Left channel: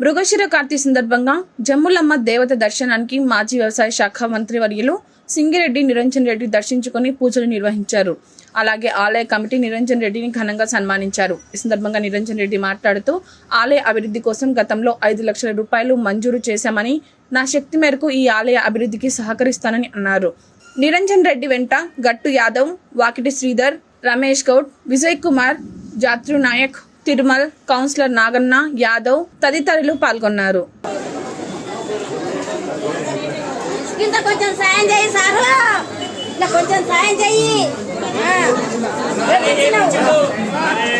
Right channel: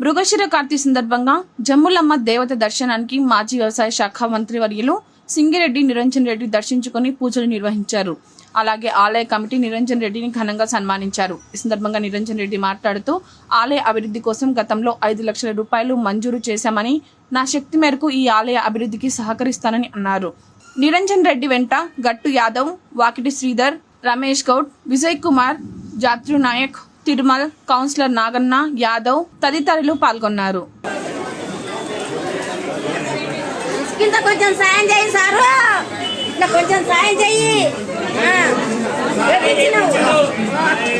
మృగశిర కార్తీ సందర్భంగా జమ్ములమ్మ దేవత దర్శనానికి మాజీ వ్యవసాయ శాఖ మంత్రి వర్యులు సింగిరెడ్డి నిరంజన్ రెడ్డి దర్శించుకుని పూజలు నిర్వహించారు. అలాగే ఆలయ కమిటీ నిరంజన్ రెడ్డిని ఘనంగా సన్మానించారు. ఈ సందర్భంగా నిరంజన్ రెడ్డి మాట్లాడుతూ ఆలయ అభివృద్ధి కోసం గతంలో ఐదు లక్షల రూపాయలు మంజూరు చేశామని నా శక్తి మేరకు ఈ ఆలయ అభివృద్ధికి సహకరిస్తానని అన్నారు. నిరంజన్ రెడ్డి వెంట గట్టు యాదవ్ వాకిటి శ్రీధర్ రమేష్ గౌడ్ విజయ్ కుమార్ జాత్రు నాయక్ తిరుమల్ కౌన్సిలర్ నాగన్న యాదవ్ తదితరులు పాల్గొన్నారు. కొంచెం సాయం చేయి సార్. కొంచెం సాయం చేయి. মানে